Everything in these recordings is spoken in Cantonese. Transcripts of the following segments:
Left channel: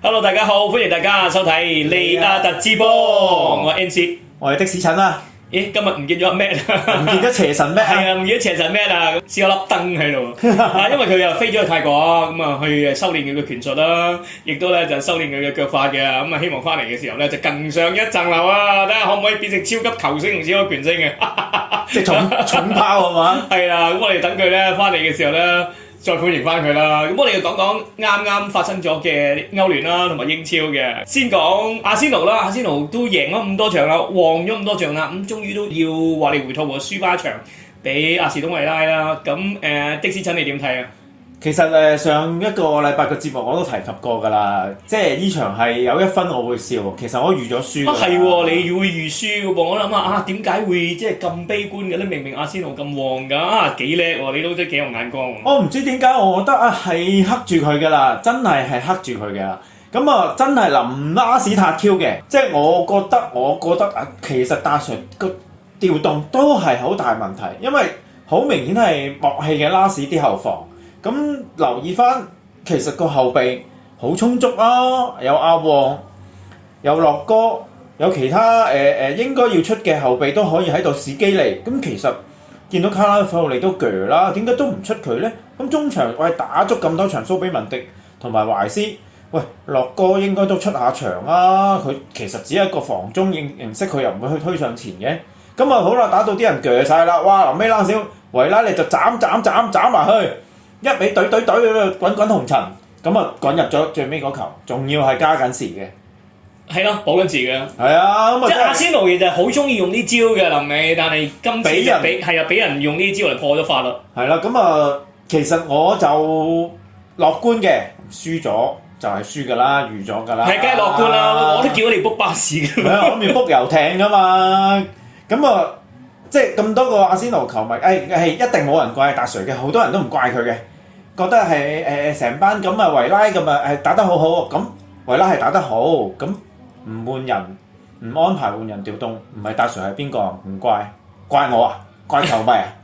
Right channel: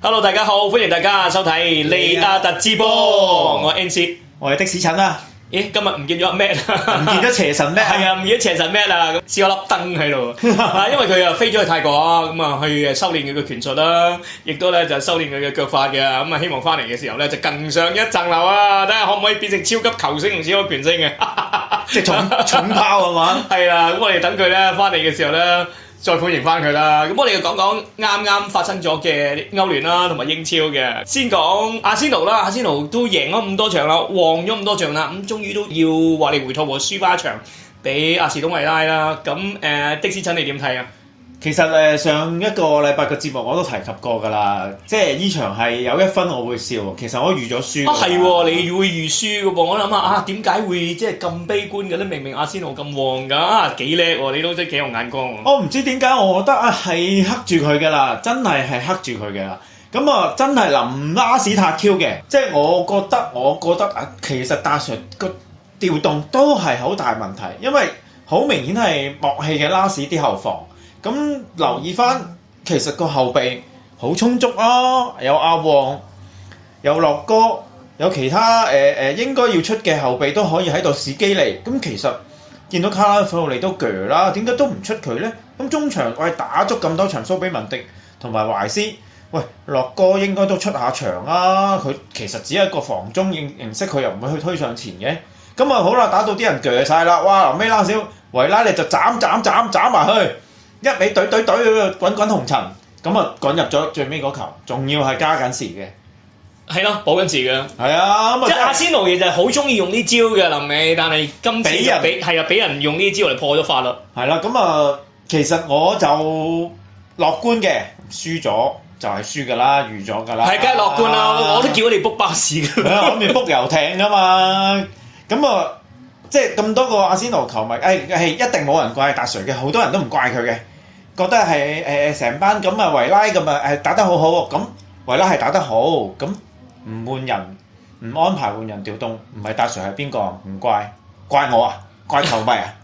Hello， 大家好，歡迎大家收睇利亞特直播，我係 NC， 我係的士陳啊！咦，今日唔見咗阿 Matt， 唔見咗邪神咩？係啊，唔見咗邪神 Matt啊，少咗粒燈喺度。因為佢又飛咗去泰國，咁啊去修練佢嘅拳術啦，亦都咧就修練佢嘅腳法嘅，咁啊希望翻嚟嘅時候咧就更上一層樓啊！睇下可唔可以變成超級球星同超級拳星嘅，即係重炮係嘛？係啊，咁我哋等佢咧翻嚟嘅時候咧。再歡迎翻佢啦！咁我哋就講講啱啱發生咗嘅歐聯啦，同埋英超嘅。先講阿仙奴啦，阿仙奴都贏咗咁多場啦，旺咗咁多場啦，咁終於都要話你回吐喎，輸翻一場俾阿士東維拉啦。咁的士陳你點睇啊？其實上一個禮拜嘅節目我都提及過㗎啦，即係呢場係有一分我會笑，其實我預咗輸。係喎，你會預輸㗎噃？我諗下點解會即係咁悲觀嘅咧？明明阿仙奴咁旺㗎，幾叻喎！你都真係幾有眼光。我唔知點解，我覺得係克住佢㗎啦，真係克住佢嘅。咁啊，真係臨拉屎塔 Q 嘅，即係我覺得其實大帥個調動都係好大問題，因為好明顯係默契嘅拉屎啲後防。咁留意翻，其實個後備好充足啊，有阿旺，有樂哥，有其他應該要出嘅後備都可以喺度試機嚟。咁其實見到卡拉夫利都鋸啦，點解都唔出佢咧？咁中場打足咁多場蘇比文迪同埋懷斯，喂樂哥應該都出下場啦。佢其實只係一個防中形式，佢又唔會去推上前嘅。咁啊好啦，打到啲人鋸晒啦，哇！臨尾拉少維拉利就斬埋去。一味懟滾紅塵，咁啊滾入咗最尾嗰球，仲要係加緊時嘅。係咯，補緊時嘅。係啊，咁啊即係阿仙奴其實好中意用呢招嘅臨尾，但係今次就俾人用呢招嚟破咗法律。係啦，咁啊其實我就樂觀嘅，輸咗就係輸㗎啦，預咗㗎啦。係梗係樂觀啦，我都叫你 book 巴士㗎。係啊，諗住 book 遊艇㗎嘛，咁啊。即係咁多個阿仙奴球迷，係一定冇人怪達瑞嘅，好多人都唔怪佢嘅，覺得係成班咁啊維拉咁啊打得好好，咁維拉係打得好，咁唔換人唔安排換人調動，唔係達瑞係邊個？唔怪我啊，怪球迷啊，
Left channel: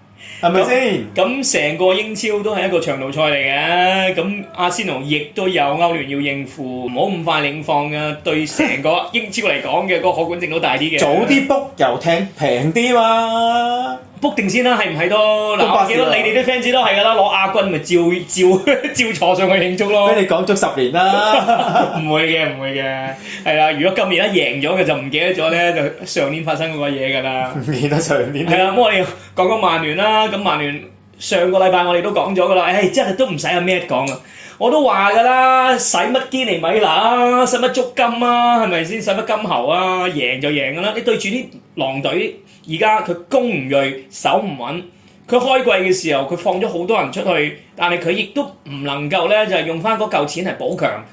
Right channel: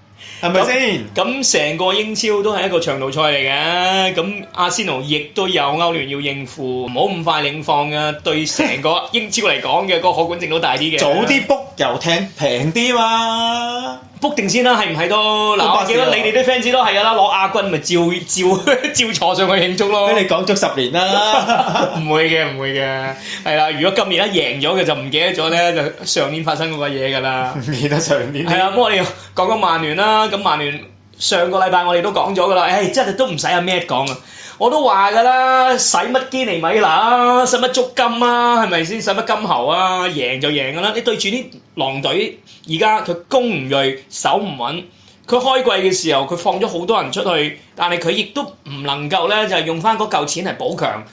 係咪先？咁成個英超都係一個長路賽嚟嘅，咁阿仙奴亦都有歐聯要應付，唔好咁快領放啊！對成個英超嚟講嘅嗰個可觀性都大啲嘅。早啲 book 遊艇平啲嘛 ，book 定先啦，係唔係都？嗱，我記得你哋啲 fans 都係㗎啦，攞亞軍咪照坐上去慶祝咯。俾你講足10年啦，唔會嘅，係啊！如果今年一贏咗嘅就唔記得咗咧，就上年發生嗰個嘢㗎啦。唔記得上年。係啦，咁我哋講曼聯啦，咁曼聯上個禮拜我哋都講咗㗎啦，真係都唔使阿 Matt 講啊！我都話㗎啦，使乜堅尼米拿，使乜足金啊？係咪先？使乜金猴啊？贏就贏㗎啦！你對住啲狼隊，而家佢攻唔銳，守唔穩。佢開季嘅時候，佢放咗好多人出去，但係佢亦都唔能夠咧，就係用翻嗰嚿錢嚟補強。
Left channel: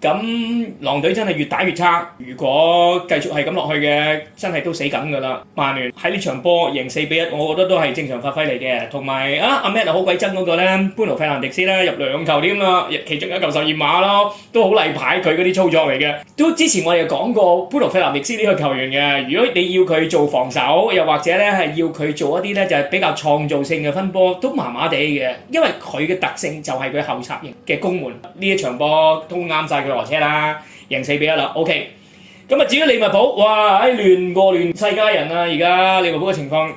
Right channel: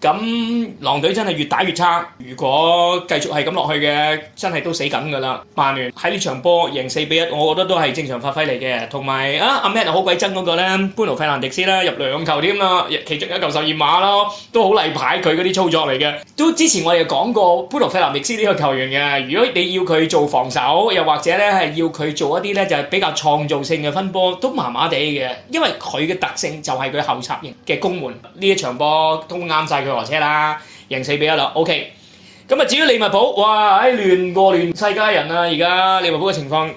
咁狼隊真係越打越差，如果繼續係咁落去嘅，真係都死緊㗎啦！曼聯喺呢場波贏4-1，我覺得都係正常發揮嚟嘅。同埋阿 Matt 好鬼憎嗰個咧，般奴費蘭迪斯咧入2球添啦，其中一球12碼咯，都好例牌佢嗰啲操作嚟嘅。都之前我哋講過般奴費蘭迪斯呢個球員嘅，如果你要佢做防守，又或者咧係要佢做一啲咧就係比較創造性嘅分波，都麻麻地嘅，因為佢嘅特性就係佢後插型嘅攻門。呢一場波都啱晒佢落車啦，贏4-1啦 ，OK。咁啊，至於利物浦，哇，亂過亂世佳人啊！而家利物浦嘅情況，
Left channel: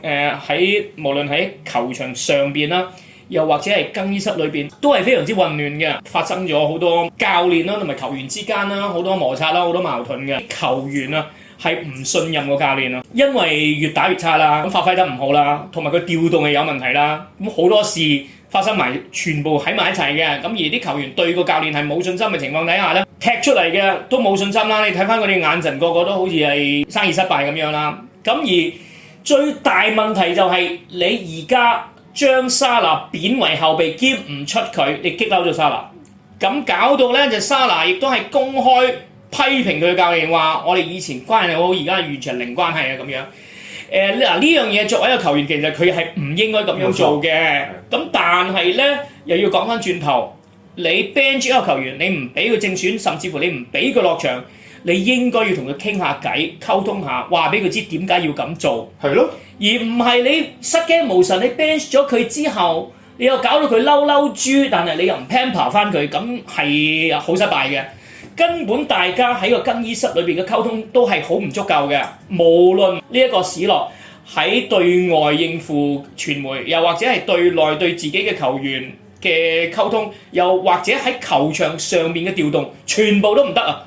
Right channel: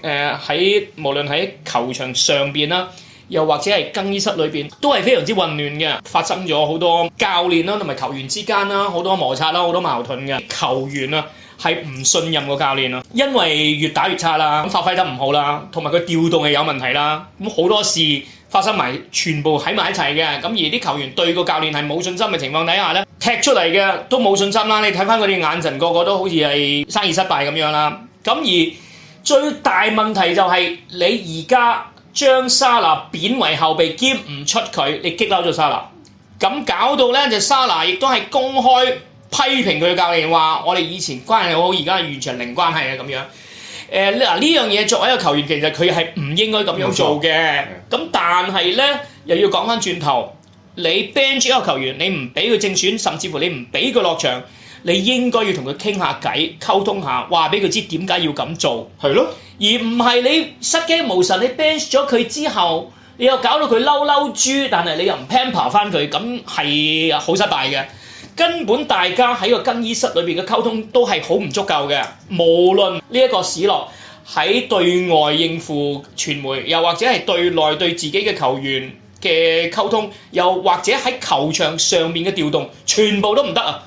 無論喺球場上邊啦，又或者係更衣室裏邊，都係非常之混亂嘅，發生咗好多教練啦同埋球員之間啦，好多摩擦啦，好多矛盾嘅。球員啊係唔信任個教練啊，因為越打越差啦，咁發揮得唔好啦，同埋佢調動係有問題啦，咁好多事發生埋，全部喺埋一齊嘅，咁而啲球員對個教練係冇信心嘅情況底下咧，踢出嚟嘅都冇信心啦。你睇翻佢哋眼神，個個都好似係生意失敗咁樣啦。咁而最大問題就係你而家將沙拿貶為後備兼唔出佢，你激嬲咗沙拿，咁搞到咧就沙拿亦都係公開批評佢嘅教練話：我哋以前關係好，而家完全零關係啊咁樣。呢樣嘢作為一個球員，其實佢係唔應該咁樣做嘅。咁但係咧，又要講翻轉頭，你 bench 一個球員，你唔俾佢正選，甚至乎你唔俾佢落場，你應該要同佢傾下偈，溝通下，話俾佢知點解要咁做。係咯，而唔係你失驚無神，你 bench 咗佢之後，你又搞到佢嬲豬，但係你又唔 pamper 翻佢，咁係好失敗嘅。根本大家喺個更衣室裏邊嘅溝通都係好唔足夠嘅。無論呢一個史諾喺對外應付傳媒，又或者係對內對自己嘅球員嘅溝通，又或者喺球場上面嘅調動，全部都唔得啊！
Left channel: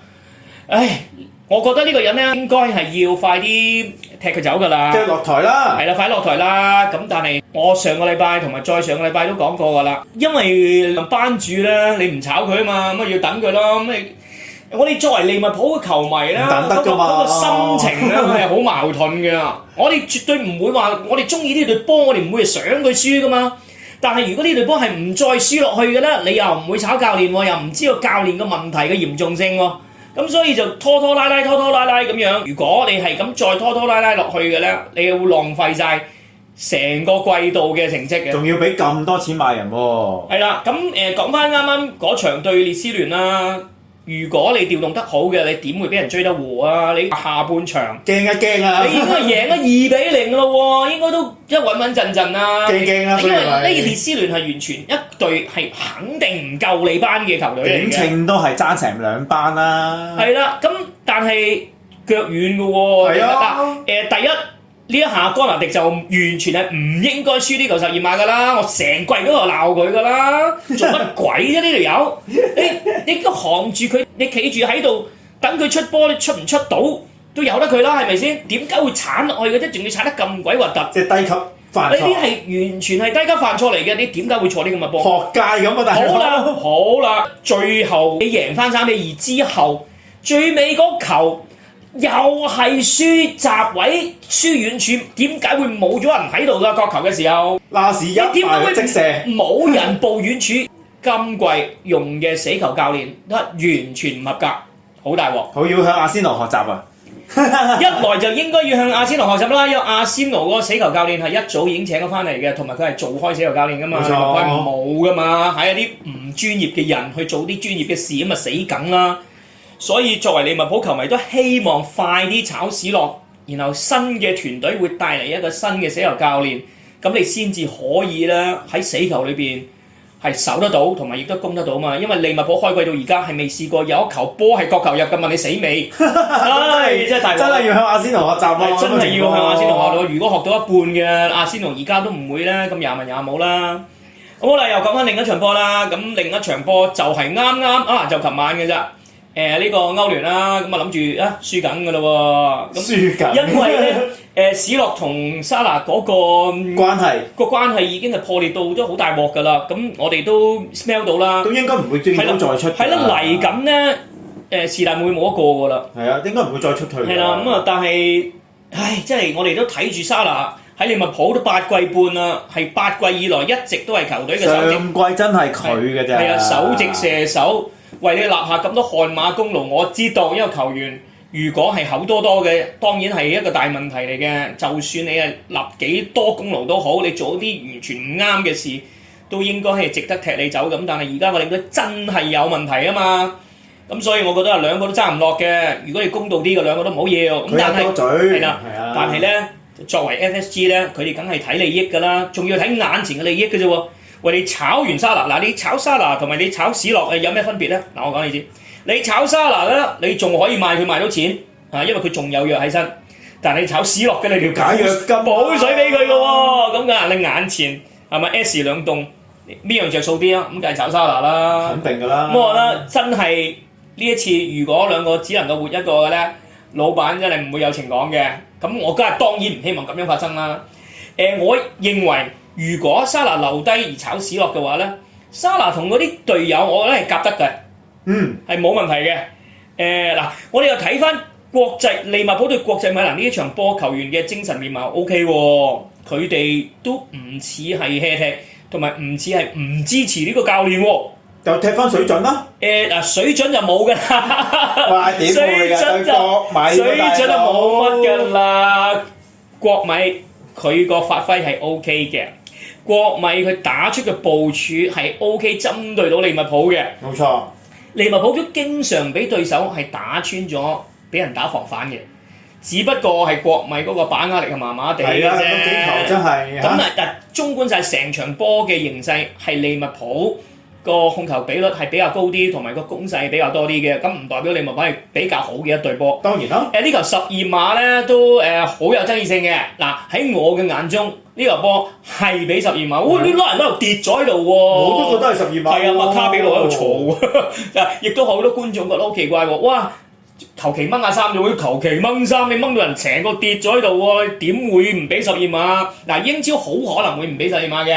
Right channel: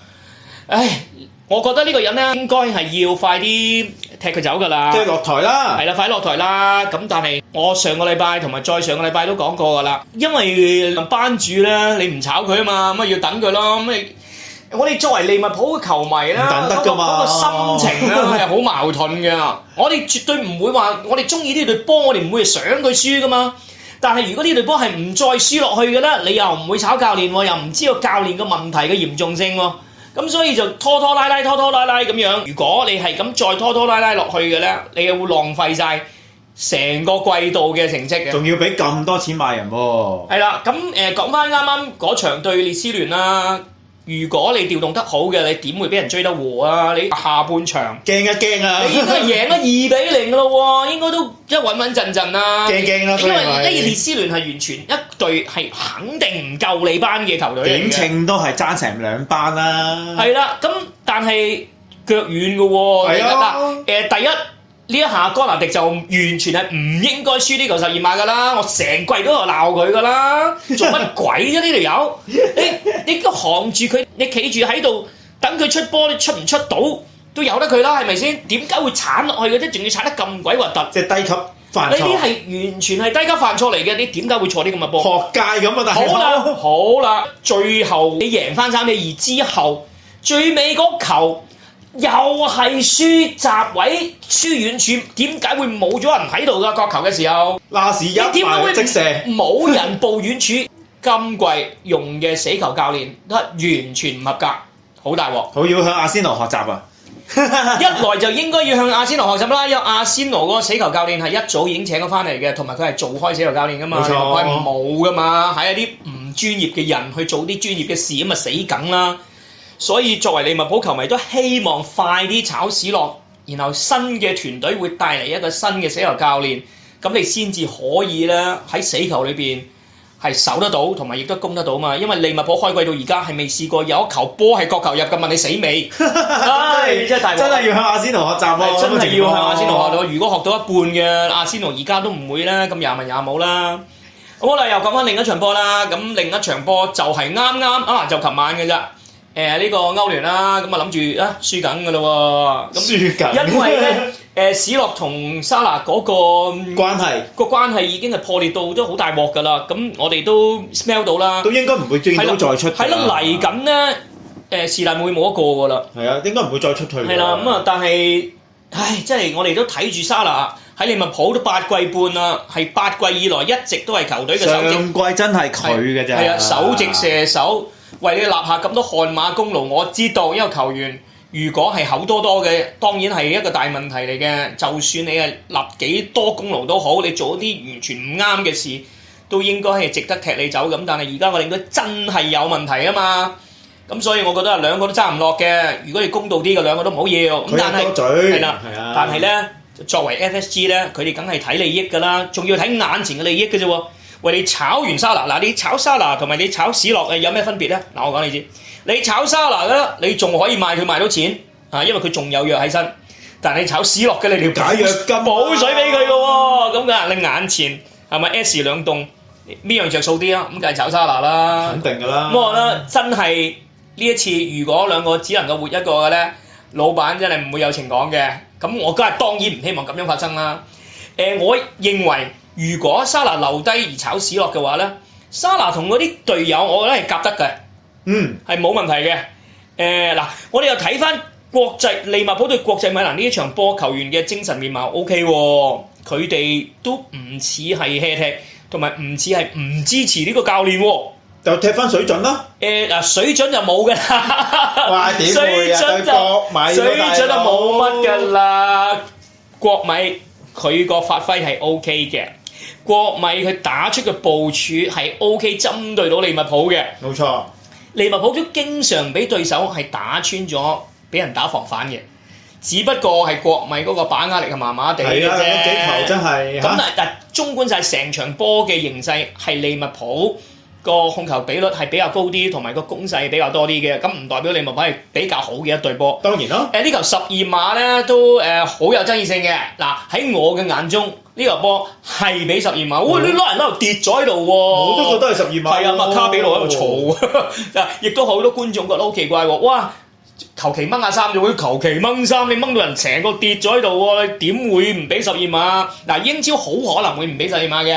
唉，我覺得呢個人咧應該係要快啲踢佢走㗎啦，即係落台啦。係啦，快落台啦！咁但係我上個禮拜同埋再上個禮拜都講過㗎啦，因為班主咧你唔炒佢啊嘛，咁要等佢咯。咁我哋作為利物浦嘅球迷咧，等得㗎嘛，嗰個心情咧係好矛盾嘅。我哋絕對唔會話我哋中意呢隊波，我哋唔會想佢輸㗎嘛。但係如果呢隊波係唔再輸落去嘅咧，你又唔會炒教練喎，又唔知道教練嘅問題嘅嚴重性喎。咁所以就拖拖拉拉咁樣。如果你係咁再拖拖拉拉落去嘅咧，你又會浪費晒成個季度嘅成績嘅。仲要俾咁多錢買人喎。係啦，咁講翻啱啱嗰場對列斯聯啦。如果你調動得好嘅，你點會俾人追得和啊？你下半場驚一驚啊！你應該贏咗2-0咯喎，應該都一穩穩陣陣啦。驚啦！因為呢列斯聯係完全一隊係肯定唔夠你班嘅球隊嚟嘅。點稱都係爭成2班啦。係啦，咁但係腳軟嘅喎。係啊。第一呢一下哥拿迪就完全係唔應該輸呢球12碼㗎啦，我成季都喺度鬧佢㗎啦，做乜鬼啫呢條友？你都扛住佢，你企住喺度等佢出波，你出唔出到都由得佢啦，係咪先？點解會鏟落去嘅啫？仲要鏟得咁鬼核突？即係低級犯錯。呢啲係完全係低級犯錯嚟嘅，你點解會錯啲咁嘅波？學界咁啊，大佬。好啦，最後你贏翻3-2之後，最尾嗰球。又係輸閘位，輸遠處，點解會冇咗人喺度㗎？角球嘅時候，拉屎一埋即射，冇人報遠處。今季用嘅死球教練都完全唔合格，好大鑊。好要向阿仙奴學習啊！一來就應該要向阿仙奴學習啦，因為阿仙奴嗰個死球教練係一早已經請咗翻嚟嘅，同埋佢係做開死球教練㗎嘛，冇錯，佢係冇㗎嘛，係一啲唔專業嘅人去做啲專業嘅事咁啊死梗啦。所以作為利物浦球迷都希望快啲炒史諾，然後新嘅團隊會帶嚟一個新嘅死球教練，咁你先至可以咧喺死球裏邊係守得到，同埋亦都攻得到嘛。因為利物浦開季到而家係未試過有一球波係角球入嘅，問你死未？真係大鑊！真係要向阿仙奴學習喎！真係要向阿仙奴學到。如果學到一半嘅阿仙奴而家都唔會咧咁廿文廿武啦。好啦，又講翻另一場波啦。咁另一場波就係啱啱就琴晚嘅啫。呢個歐聯啦，咁啊諗住輸緊㗎咯喎，輸緊，因為咧史諾同沙拿嗰個關係已經係破裂到都好大鑊㗎啦，咁我哋都 smell 到啦，都應該唔會見到再出。係啦，嚟緊咧是但會冇一個㗎啦。係啊，應該唔會再出退。係啦，咁啊，但係真係我哋都睇住沙拿喺利物浦都8季半啦，係8季以來一直都係球隊嘅首席。上季真係佢嘅啫。係啊，首席射手。為你立下咁多汗馬功勞，我知道一個球員如果係口多多嘅，當然係一個大問題嚟嘅。就算你係立幾多功勞都好，你做啲完全唔啱嘅事，都應該係值得踢你走咁。但係而家我哋都真係有問題啊嘛，咁所以我覺得兩個都爭唔落嘅。如果你公道啲嘅，兩個都唔好要。佢有多嘴。係啦，但係咧作為 FSG 咧，佢哋梗係睇利益㗎啦，仲要睇眼前嘅利益嘅啫喎。喂，你炒完沙拿，你炒沙拿同埋你炒史諾有咩分別咧？我講你知，你炒沙拿咧，你仲可以賣佢賣到錢因為佢仲有藥喺身。但係你炒史諾嘅，你條解藥金補水俾佢嘅喎，咁㗎，你眼前係咪 S 兩棟邊樣着數啲啊？咁梗係炒沙拿啦，肯定㗎啦。咁我覺得真係呢一次，如果兩個只能夠活一個嘅咧，老闆真係唔會有情講嘅。咁我梗係當然唔希望咁樣發生啦。我認為。如果沙拿留低而炒史諾嘅話咧，沙拿同嗰啲隊友，我覺得係夾得嘅，係冇問題嘅。我哋又睇翻國際利物浦對國際米蘭呢一場波，球員嘅精神面貌 OK 喎，佢哋都唔似係 hea 踢，同埋唔似係唔支持呢個教練喎。就踢翻水準啦。水準就冇㗎啦。哇！點會啊？對國米水準就冇乜㗎啦。國米佢個發揮係 OK 嘅。國米佢打出嘅部署係 OK， 針對到利物浦嘅。冇錯，利物浦都經常俾對手係打穿咗，俾人打防反嘅。只不過係國米嗰個把握力係麻麻地嘅啫。係啦，幾球真係。咁但綜觀晒成場波嘅形勢，係利物浦個控球比率係比較高啲，同埋個攻勢比較多啲嘅，咁唔代表利物浦係比較好嘅一隊波。當然啦。呢球12碼咧都好有爭議性嘅。嗱喺我嘅眼中，呢球波係俾12碼。哇！啲人喺度跌咗喺度喎。我都覺得係12碼。係啊，麥卡比路喺度嘈，亦都好多觀眾覺得好奇怪喎。哇！求其掹下衫就會求其掹衫，你掹到人成個跌咗喺度喎，點會唔俾12碼？嗱，英超好可能會唔俾12碼嘅。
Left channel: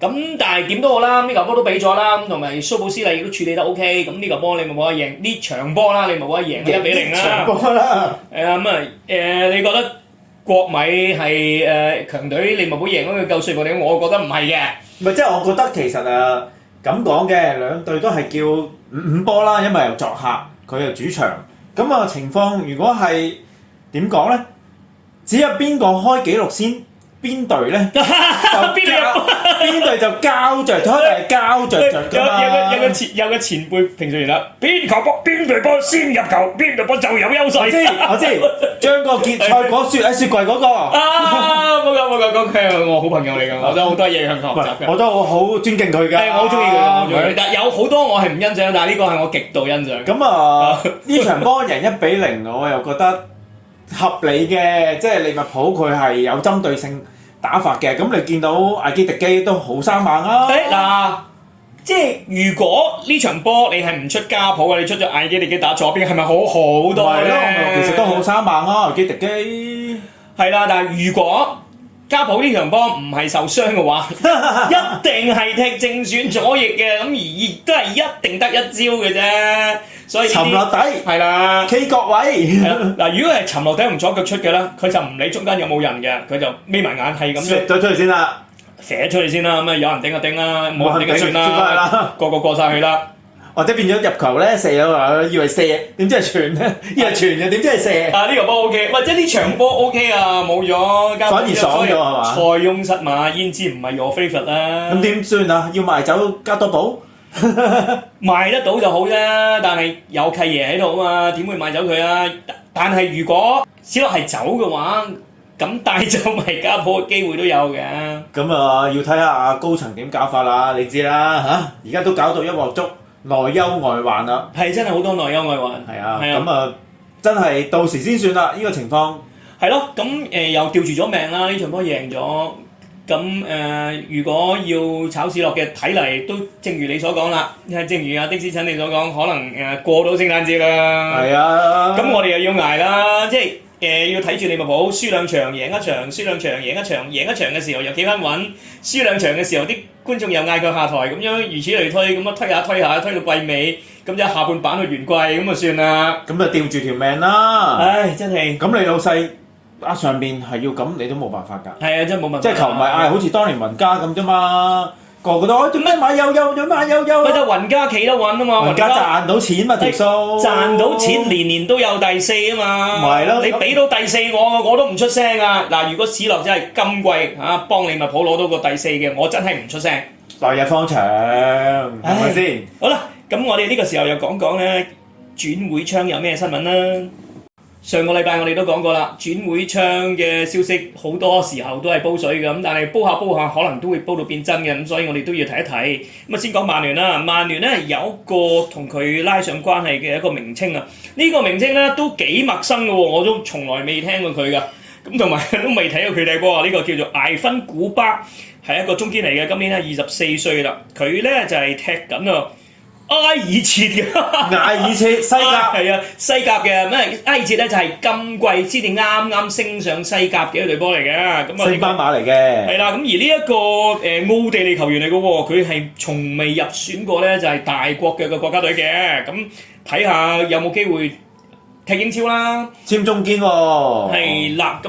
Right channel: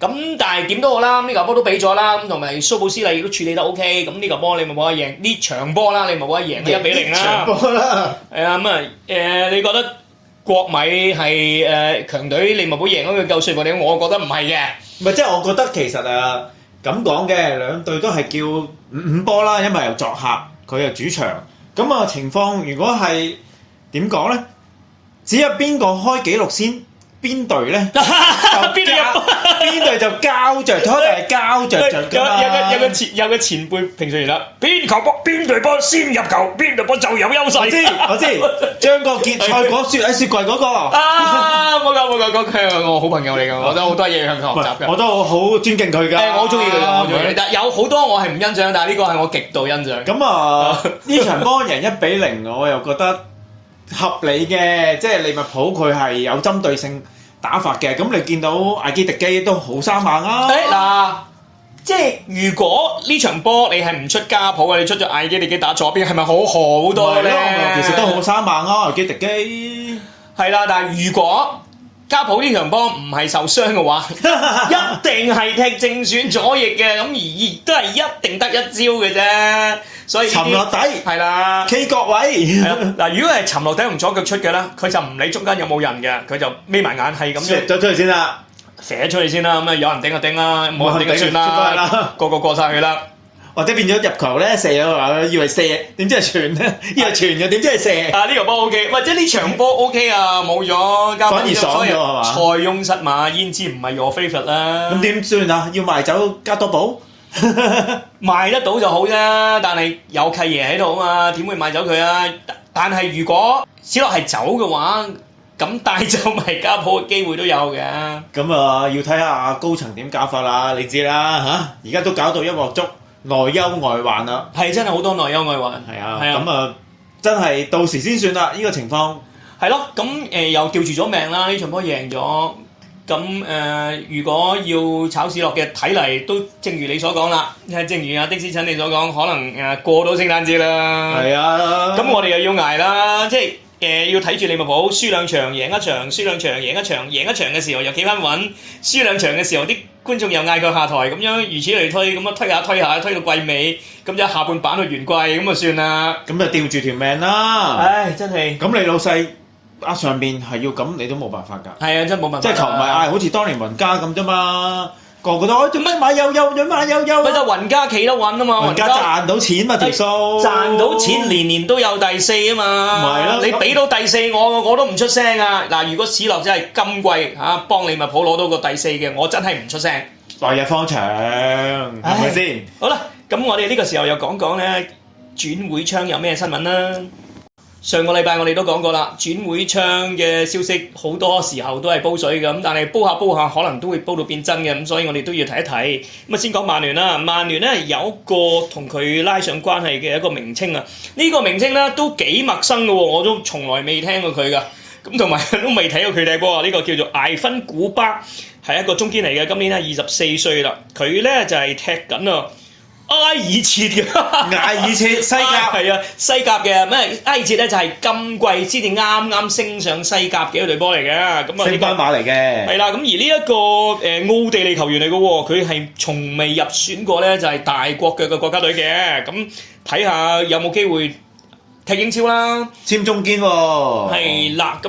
咁但係點都好啦，呢球波都俾咗啦，同埋蘇布斯利亦都處理得 OK，咁呢球波你咪冇得贏，呢場波啦你咪冇得贏1-0啦。場波啦。你覺得國米係強隊，利物浦贏咗佢夠說服你？我覺得唔係嘅。唔係即係我覺得其實咁講嘅，兩隊都係叫5波啦，因為又作客，佢又主場。咁情況如果係點講咧？只有邊個開紀錄先？邊隊咧邊隊就交着咗，定係交着㗎嘛？有個前輩評述完啦，邊球波邊隊波先入球，邊隊波就有優勢。我知，將個決賽講雪喺雪櫃嗰個。冇講佢係我好朋友嚟㗎，我都好多嘢向佢學習㗎。我都好尊敬佢㗎。係，我好中意佢，但有好多我係唔欣賞，但係呢個係我極度欣賞。咁呢場波贏1-0，我又覺得合理嘅，即係利物浦佢係有針對性打法嘅。咁你見到艾基迪基都好生猛啊！即係如果呢場波你係唔出家普嘅，你出咗艾基迪基打左邊，係咪好多咧？其實都好生猛啊，艾基迪基。係啦，但係如果家普呢場波唔係受傷嘅話，一定係踢正選左翼嘅，咁而亦都係一定得一招嘅啫。所以沉落底係啦 ，K 角位。嗱，如果係沉落底同左腳出嘅啦，佢就唔理中間有冇人嘅，佢就眯埋眼係咁。射咗出去先啦，射出去先啦，咁有人頂就頂啦，冇人頂就算啦，個個過晒去啦。或者變咗入球咧，射咗以為射，點知係傳咧？以為傳嘅，點知係射？呢個波 OK，喂，即係呢場波 OK 啊，冇咗，反而爽咗係嘛？塞翁失馬，焉知唔係 your favourite 啦？咁點算啊？要賣走加多寶？賣得到就好啦，但係有契爺喺度啊嘛，點會賣走佢啊？但係如果史諾係走嘅話，咁帶走埋家普嘅機會都有嘅。咁要睇下高層點搞法啦，你知啦嚇，而家都搞到一鑊粥。內憂外患啦，係真係好多內憂外患。係啊，咁真係到時先算啦。呢個情況係咯，咁又吊住咗命啦。呢場波贏咗，咁如果要炒市落嘅睇嚟，都正如你所講啦。正如阿的士陳你所講，可能過到聖誕節啦。係啊，咁我哋又要捱啦，即係要睇住利物浦輸兩場贏一場，輸兩場贏一場，贏一場嘅時候又企翻穩，輸兩場嘅時候啲觀眾又嗌佢下台，咁樣如此類推，咁推下推下，推到季尾，咁就下半版去完季，咁就算啦。咁就吊住條命啦。唉，真係。咁你老細上邊係要咁，你都冇辦法㗎。係啊，真係冇辦法。即係球迷嗌，好似當年雲加咁啫嘛。個個都做咩買有買有。咪得雲加企得穩啊嘛，雲加賺到錢嘛條數。賺到錢年年都有第四啊嘛。咪係咯，你俾到第四我都唔出聲啊！嗱，如果史諾真係今季幫利物浦攞到個第四嘅，我真係唔出聲。來日方長，係咪先？好啦，咁我哋呢個時候又講講咧轉會窗有咩新聞啦。上個禮拜我哋都講過啦，轉會窗嘅消息好多時候都係煲水嘅，咁但係煲下可能都會煲到變真嘅，咁所以我哋都要睇一睇。咁先講曼聯啦，曼聯咧有一個同佢拉上關係嘅一個名稱啊，呢個名稱咧都幾陌生嘅喎，我都從來未聽過佢噶，咁同埋都未睇過佢踢波啊。呢個叫做艾芬古巴，係一個中堅嚟嘅，今年咧24歲啦，佢咧就係踢緊啊埃爾切嘅，埃爾切西甲係啊，西甲嘅咩？埃爾切咧就係今季先至啱升上西甲嘅一隊波嚟嘅，咁啊升班馬嚟嘅。係啦，咁而呢一個奧地利球員嚟嘅喎，佢係從未入選過咧，就係大國腳嘅國家隊嘅，咁睇下有冇機會踢英超啦，簽中堅喎。係啦，咁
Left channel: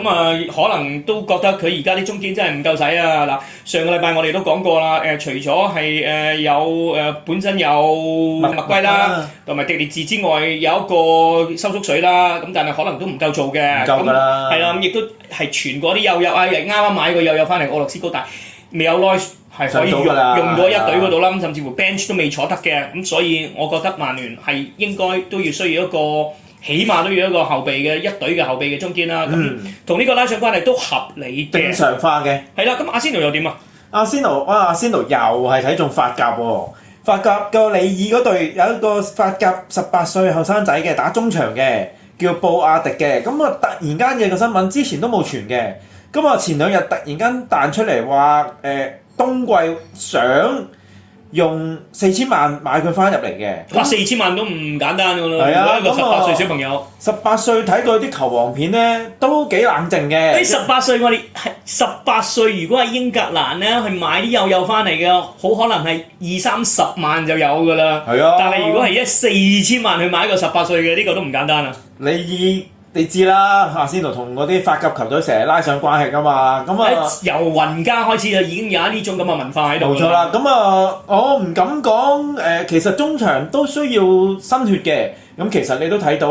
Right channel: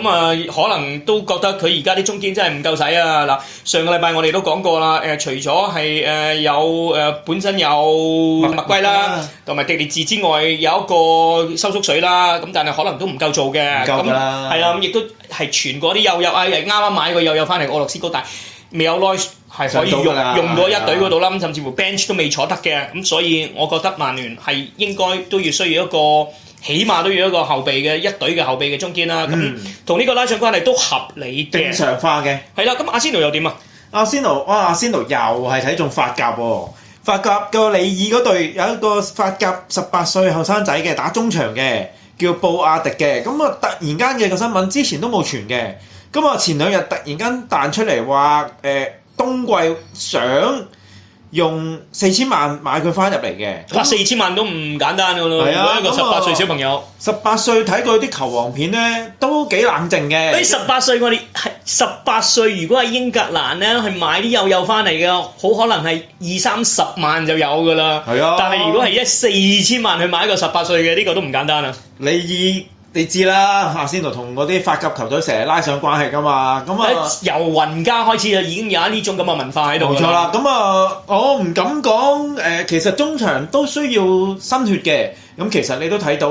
可能都覺得佢而家啲中堅真係唔夠使啊！嗱，上個禮拜我哋都講過啦，除咗係有本身有麥圭啦，同埋迪列治之外，有一個收縮水啦，咁但係可能都唔夠做嘅。唔夠㗎啦。係啦，咁亦都係傳過啲幼啊，啱啱買個幼翻嚟俄羅斯高大，未有耐係可以用到一隊嗰度啦，咁甚至乎 bench 都未坐得嘅，咁所以我覺得曼聯係應該都要需要一個。起碼都要一個後備嘅一隊嘅後備嘅中堅啦，咁同呢個拉上關係都合理嘅，正常化嘅。係啦，咁阿仙奴又點啊？阿仙奴又係睇中法甲喎，法甲個里爾嗰隊有一個法甲18歲後生仔嘅打中場嘅，叫布亞迪嘅。咁啊突然間嘅個新聞之前都冇傳嘅，咁啊前2日突然間彈出嚟話冬季想用4000萬買佢翻入嚟嘅。哇！4000萬都唔簡單㗎咯，係啊，一個18歲小朋友。18歲睇過啲球王片咧，都幾冷靜嘅。誒18歲我哋係18歲，如果喺英格蘭咧去買啲幼翻嚟嘅，好可能係20-30萬就有㗎啦。係啊，但係如果係4000萬去買一個18歲嘅，呢個都唔簡單啊！你知啦，阿仙奴同嗰啲法甲球隊成日拉上關係㗎嘛，咁啊由雲加開始就已經有呢種咁嘅文化喺度。冇錯啦，咁啊我唔敢講其實中場都需要新血嘅，咁其實你都睇到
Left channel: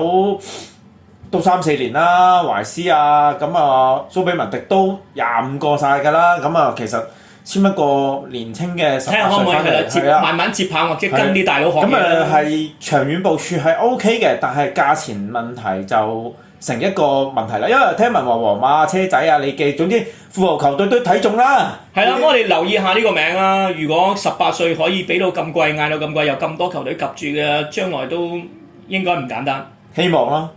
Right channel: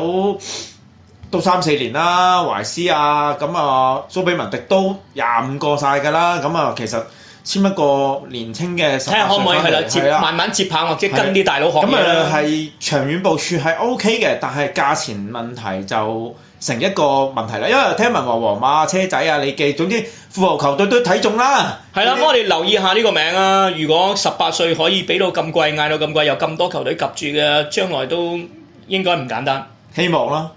都3-4年啦，懷斯啊，咁啊蘇比文迪都25個晒㗎啦，咁啊其實簽一個年青嘅18歲睇下可唔可以係啦，慢慢接棒或者跟啲大佬學嘢啦。咁係長遠部署係 OK 嘅，但係價錢問題就成一個問題啦。因為聽聞話皇馬、車仔啊、利記，總之富豪球隊都睇中啦。係啦，我哋留意下呢個名啊！如果18歲可以俾到咁貴，嗌到咁貴，有咁多球隊及住嘅，將來都應該唔簡單。希望啦。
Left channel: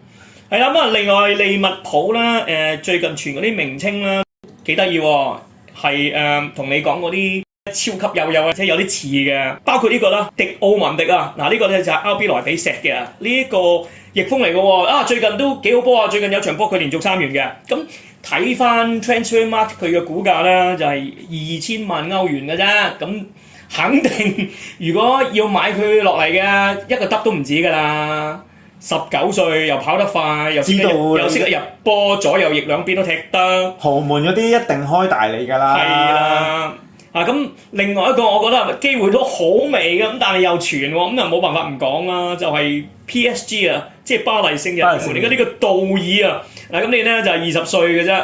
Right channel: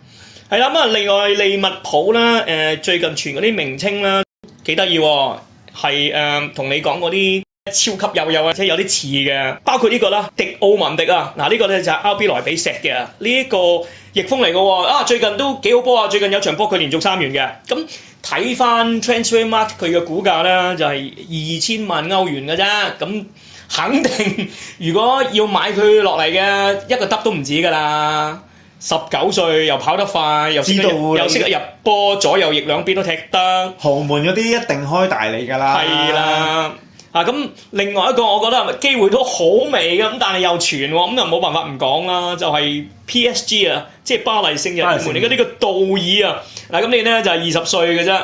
係啦，咁啊，另外利物浦咧，最近傳嗰啲名稱啦，幾得意喎，係同你講嗰啲超級幼啊，即係有啲似嘅，包括呢個啦，迪奧文迪啊，嗱呢個咧就係 RB 萊比錫嘅，呢一個翼鋒嚟嘅喎，啊最近都幾好波啊，最近有場波佢連續3元嘅，咁睇翻 Transfermarkt 佢嘅股價咧就係2000萬歐元嘅啫，咁肯定如果要買佢落嚟嘅一個得都唔止㗎啦。19歲又跑得快，又識得入波，左右翼兩邊都踢得。豪門嗰啲一定開大你㗎啦。係啦，咁另外一個我覺得機會都好微嘅，咁但係又傳喎，咁就冇辦法唔講啦，就係 PSG 啊，即係巴黎聖日耳門而家呢個道爾啊，嗱咁你咧就係20歲嘅啫。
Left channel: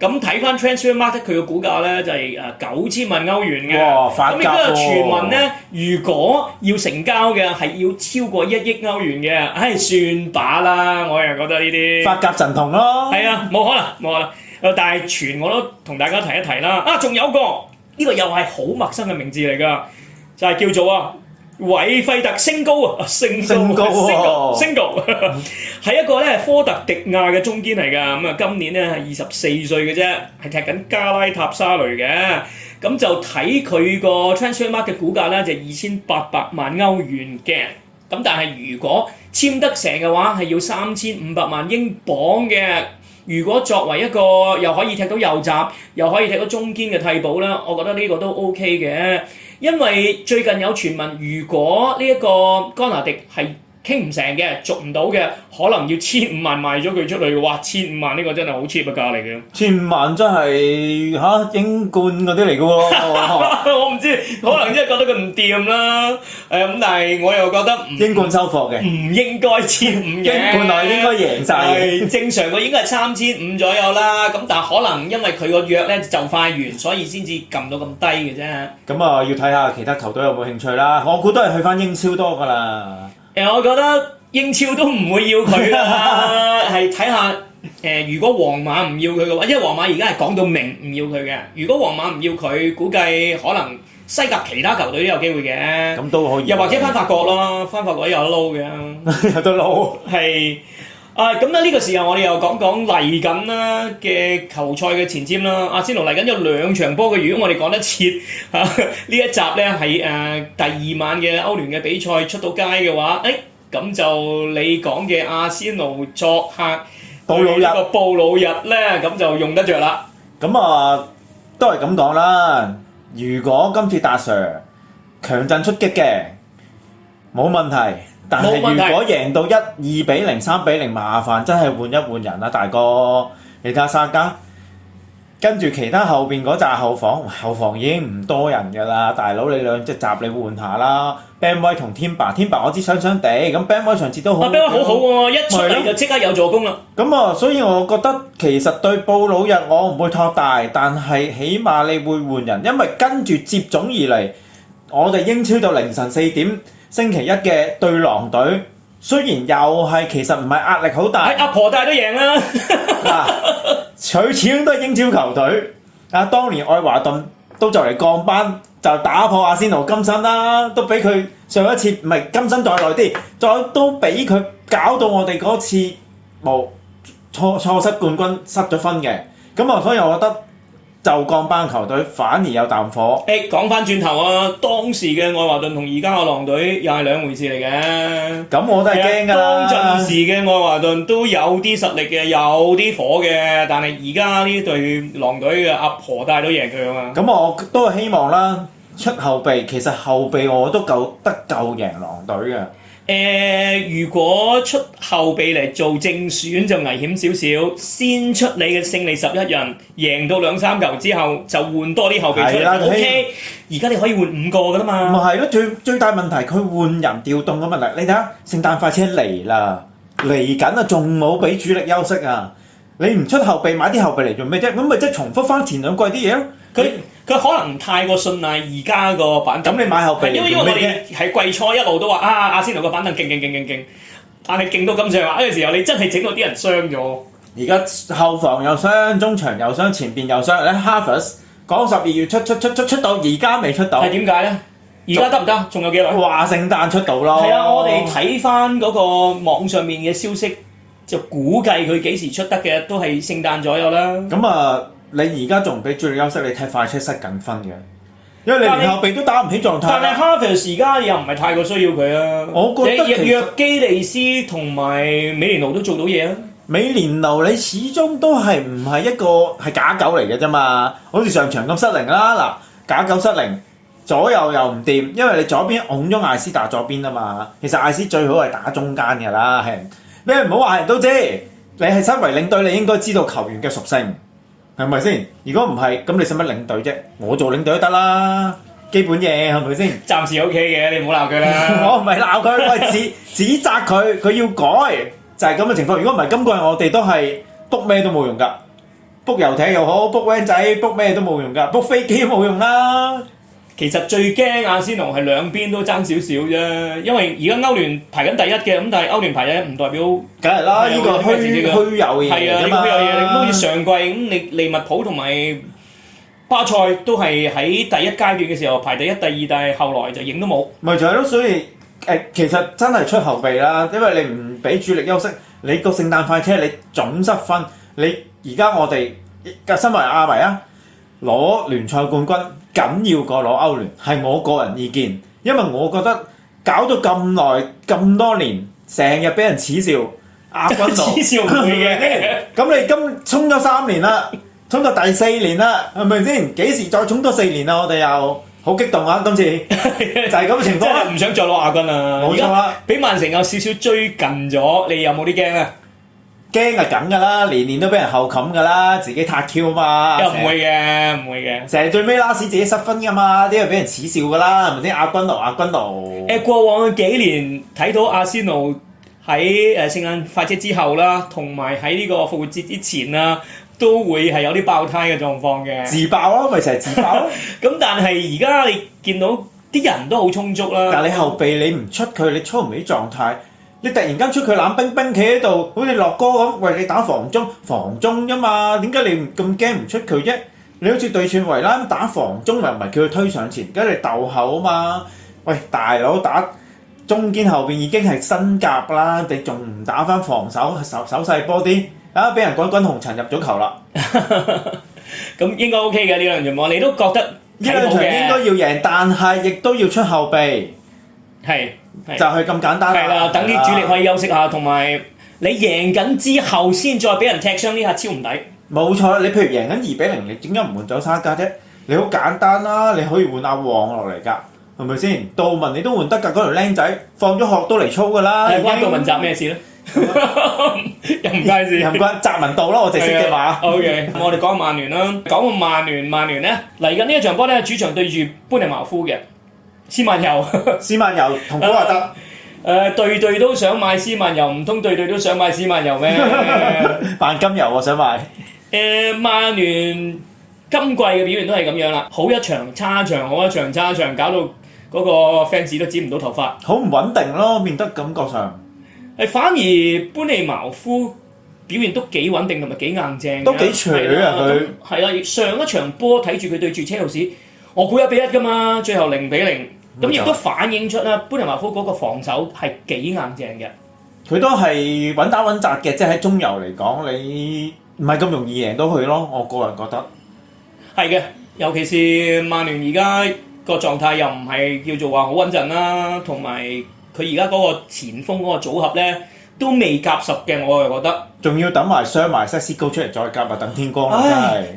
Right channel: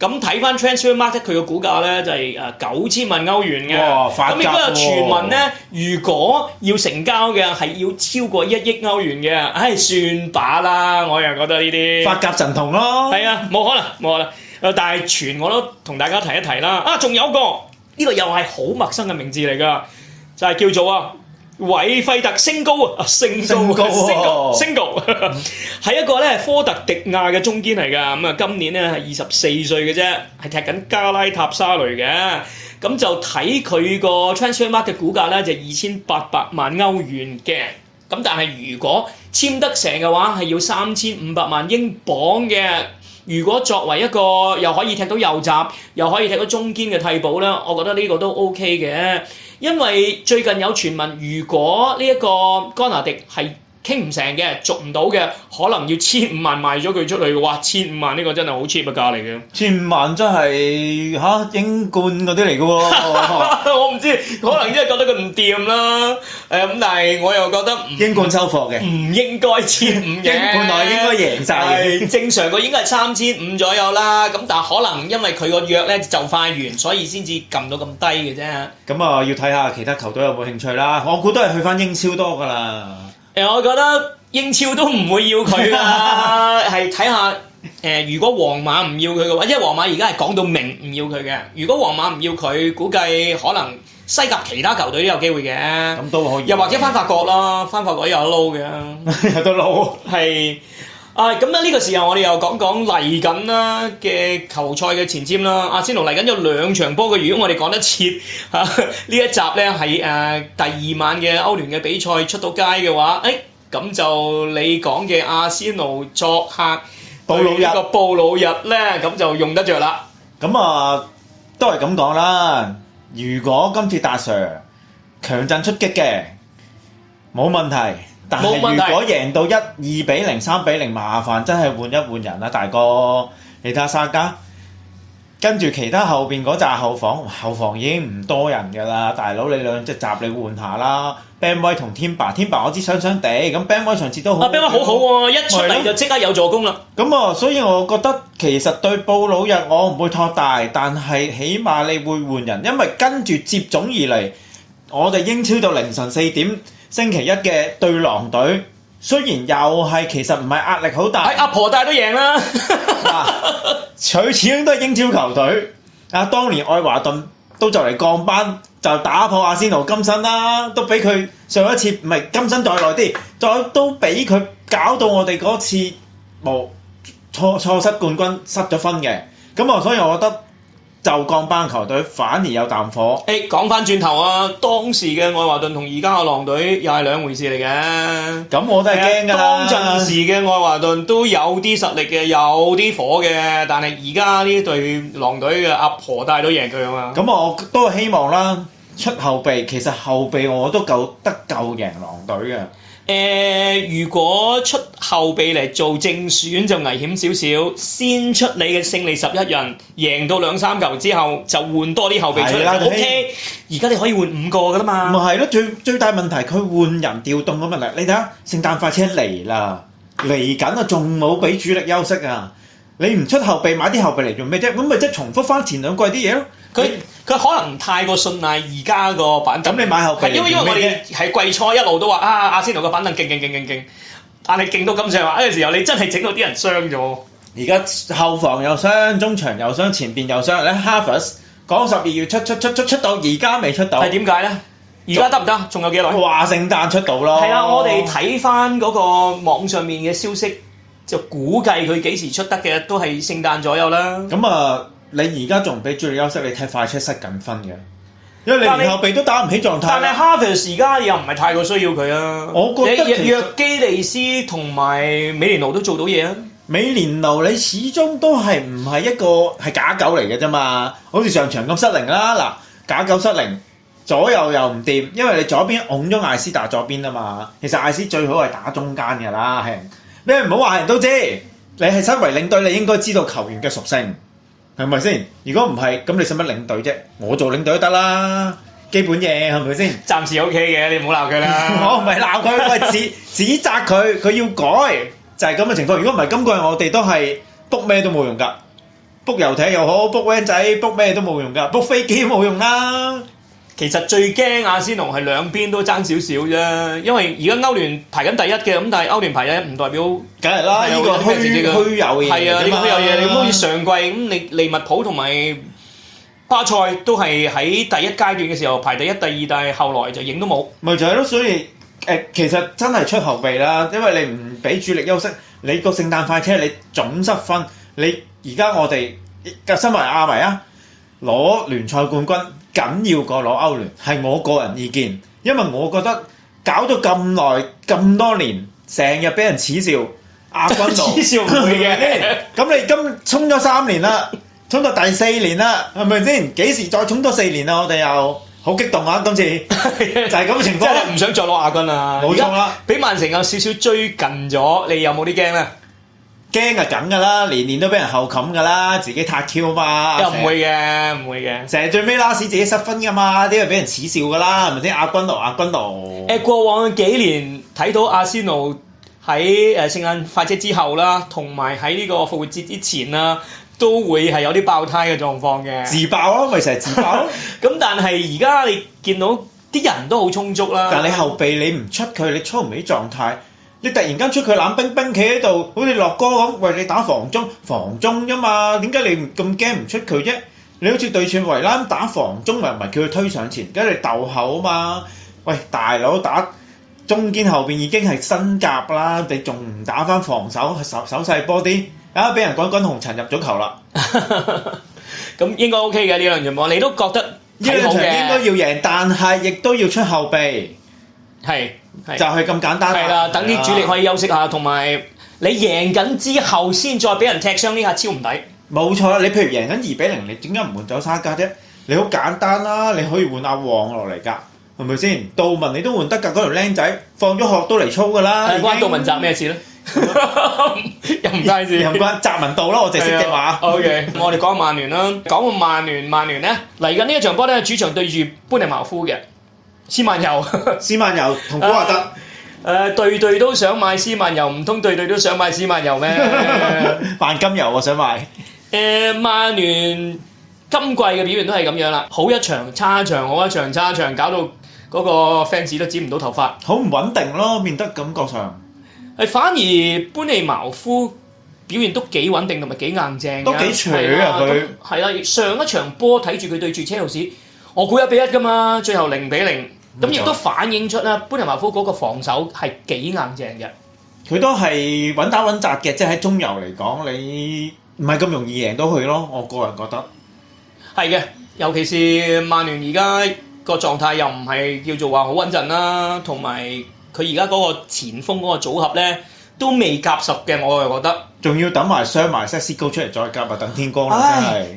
咁睇翻 Transfermarkt 佢嘅股價咧就係9000萬歐元嘅，咁亦都有傳聞咧，如果要成交嘅係要超過1億歐元嘅，唉算把啦，我又覺得呢啲法甲神童咯，係啊，冇可能，但係傳我都同大家提一提啦，仲有個呢個又係好陌生嘅名字嚟㗎，就係叫做韋費特升高啊，升高係一個咧科特迪亞嘅中堅嚟㗎，咁啊今年咧係24歲嘅啫，係踢緊加拉塔沙雷嘅，咁就睇佢個 Transfermarkt 嘅股價咧就2800萬歐元嘅，咁但係如果簽得成嘅話係要3500萬英鎊嘅。如果作為一個又可以踢到右閘，又可以踢到中堅嘅替補咧，我覺得呢個都 OK 嘅，因為最近有傳聞，如果呢一個干拿迪係傾唔成嘅，續唔到嘅，可能要1500萬賣咗佢出去嘅，哇！1500萬呢個真係好 cheap 嘅價嚟嘅。1500萬真係英冠嗰啲嚟嘅喎。我唔知，可能真係覺得佢唔掂啦。咁但係我又覺得英冠收貨嘅，唔應該1500嘅。英冠內應該贏晒嘅。正常個應該係3500左右啦。咁但係可能因為佢個約咧就快完，所以先至撳到咁低嘅啫。咁啊，要睇下其他球隊有冇興趣啦。我估都係去翻英超多㗎啦。我覺得英超都唔會要佢啦，係睇下如果皇馬唔要佢嘅話，因為皇馬而家係講到明唔要佢嘅。如果皇馬唔要佢，估計可能西甲其他球隊都有機會嘅。咁都可以。又或者翻法國啦，翻法國有得撈嘅。有得撈。係。咁呢個時候我哋又講講嚟緊啦嘅球賽嘅前瞻啦。阿仙奴嚟緊有2場波嘅，如果我哋講得切呢一集咧係第2晚嘅歐聯嘅比賽出到街嘅話，咁就你講嘅阿仙奴作客布魯日咧，咁就用得着啦。咁都係咁講啦。如果今次達 Sir 強陣出擊嘅，冇問題。但係如果贏到2-0、3-0，麻煩真係換一換人啦，大哥。你睇下沙加，跟住其他後邊嗰紮後防已經唔多人㗎啦，大佬你兩隻閘你換下啦。Ben White 同 Timber 我知傷傷地，咁 Ben White 上次都好。Ben White 好好喎，一出嚟就即刻有助攻啦。咁所以我覺得其實對布魯日我唔會托大，但係起碼你會換人，因為跟住接踵而嚟，我哋英超到凌晨4點。星期一嘅對狼隊，雖然又係其實唔係壓力好大，阿婆大都贏啦。佢始終都係英超球隊。當年愛華頓都就嚟降班，就打破阿仙奴金身啦，都俾佢上一次唔係金身再耐啲，再都俾佢搞到我哋嗰次冇錯失冠軍失咗分嘅，咁啊，所以我覺得就降班球隊反而有啖火。講翻轉頭啊，當時嘅愛華頓同而家嘅狼隊又係兩回事嚟嘅。咁我都係驚㗎啦。當陣時嘅愛華頓都有啲實力嘅，有啲火嘅，但係而家呢隊狼隊嘅阿婆帶都贏佢啊嘛。咁我都係希望啦，出後備，其實後備我都夠贏狼隊嘅。如果出後備嚟做正選就危險少少，先出你嘅勝利11人，贏到2-3球之後就換多啲後備出嚟。OK， 而家你可以換5個噶啦嘛。咪係咯，最大問題佢換人調動嘅問題。你睇下聖誕快車嚟啦，嚟緊啊，仲冇俾主力休息啊！你唔出後備買啲後備嚟做咩啫？咁咪即係重複翻前兩季啲嘢咯。佢可能太過信賴而家個板凳。咁你買後備嚟做咩啫？因為我哋係季初一路都話阿仙奴個板凳勁，但係勁到咁上下嘅時候，你真係整到啲人傷咗。而家後防又傷，中場又傷，前邊又傷。咧 Havertz 講12月出到，而家未出到。係點解咧？而家得唔得？仲有幾耐？話聖誕出到咯。係啊，我哋睇翻嗰個網上面嘅消息，就估計佢幾時出得嘅，都係聖誕左右啦。咁啊，你而家仲唔俾主力休息？你踢快車失緊分嘅，因為你連後備都打唔起狀態。但係 Havertz 而家又唔係太過需要佢啊。我覺得約基利斯同埋美連奴都做到嘢啊。美連奴你始終都係唔係一個係假狗嚟嘅啫嘛，好似上場咁失靈啦。嗱，假狗失靈，左右又唔掂，因為你左邊拱咗艾斯打左邊啊嘛。其實艾斯最好係打中間㗎啦，係你唔好話人都知，你係身為領隊，你應該知道球員嘅屬性，係咪先？如果唔係，咁你使乜領隊啫？我做領隊都得啦，基本嘢係咪先？暫時 OK 嘅，你唔好鬧佢啦。我唔係鬧佢，我係指責佢，佢要改，就係咁嘅情況。如果唔係，今季我哋都係 book 咩都冇用㗎，book 遊艇又好 ，book van 仔 book 咩都冇用㗎，book 飛機都冇用啦。其實最驚阿仙奴係兩邊都爭少少啫，因為而家歐聯排緊第一嘅，咁但係歐聯排第一唔代表，梗係啦，呢個虛有嘢係啊，㗎嘛。虛有嘢。你好似上季咁，你利物浦同埋巴塞都係喺第一階段嘅時候排第一、第二，但係後來就影都冇。咪就係咯，所以其實真係出後備啦，因為你唔俾主力休息，你個聖誕快車你總失分，你而家我哋嘅身為亞迷啊，攞聯賽冠軍緊要過攞歐聯，係我個人意見，因為我覺得搞咗咁耐咁多年，成日俾人恥笑亞軍奴，恥笑唔會嘅。咁你今衝咗3年啦，衝到第4年啦，係咪先？幾時再衝多4年啊？我哋又好激動啊！今次就係咁嘅情況，真係唔想再攞亞軍啦。冇錯啦，俾曼城有少少追近咗，你有冇啲驚咧？驚係梗㗎啦，年年都俾人後冚㗎啦，自己撻 Q 嘛。又唔會嘅，唔會嘅。成日最尾 last 自己失分㗎嘛，啲係俾人恥笑㗎啦，係咪先？亞軍奴。過往嘅幾年睇到阿仙奴喺聖誕快車之後啦，同埋喺呢個復活節之前啦，都會係有啲爆胎嘅狀況嘅。自爆咯，咪成日自爆咯。咁但係而家你見到啲人都好充足啦。但係你後備你唔出佢，你操唔起狀態。你突然間出佢冷冰冰企喺度，好似樂哥咁，喂你打防中啫嘛？點解你咁驚唔出佢啫？你好似對串維拉咁打防中，又唔係叫佢推上前，梗係你鬥後啊嘛？喂大佬打中堅後邊已經係新甲啦，你仲唔打翻防守手勢波啲？啊俾人滾紅塵入咗球啦！咁應該 OK 嘅呢兩場波，你都覺得呢兩場應該要贏，但係亦都要出後備。係就係咁簡單啦。係啦，等啲主力可以休息下，同埋你贏緊之後先再俾人踢傷呢下超唔抵。冇錯啦，你譬如贏緊2-0，你點解唔換走沙加啫？你好簡單啦，你可以換阿旺落嚟㗎，係咪先？杜文你都換得㗎，嗰條僆仔放咗學都嚟操㗎啦。關杜文澤咩事咧？又唔關事，又唔關澤文道啦，我淨係識嘅話。OK，我哋講曼聯啦，講個曼聯咧嚟緊呢一場波咧，主場對住般尼茅夫嘅。斯曼尤同古華德，隊都想買斯曼尤，唔通隊都想買斯曼尤咩？萬金油我想買。曼聯今季嘅表現都係咁樣啦，好一場差一場，好一場差一場，搞到嗰個 fans 都剪唔到頭髮，好唔穩定咯，變得感覺上。反而般尼茅夫表現都幾穩定同埋幾硬正，都幾扯啊佢。係啦，上一場波睇住佢對住車路士。我估1-1㗎嘛，最後0-0，咁冇錯亦都反映出咧，般尼茅夫嗰個防守係幾硬淨嘅。佢都係穩打穩紮嘅，即係喺中游嚟講，你唔係咁容易贏到佢咯。我個人覺得係嘅，尤其是曼聯而家個狀態又唔係叫做話好穩陣啦，同埋佢而家嗰個前鋒嗰個組合咧都未夾實嘅，我係覺得。仲要等埋傷埋 Sesco 出嚟再夾啊，等天光啦，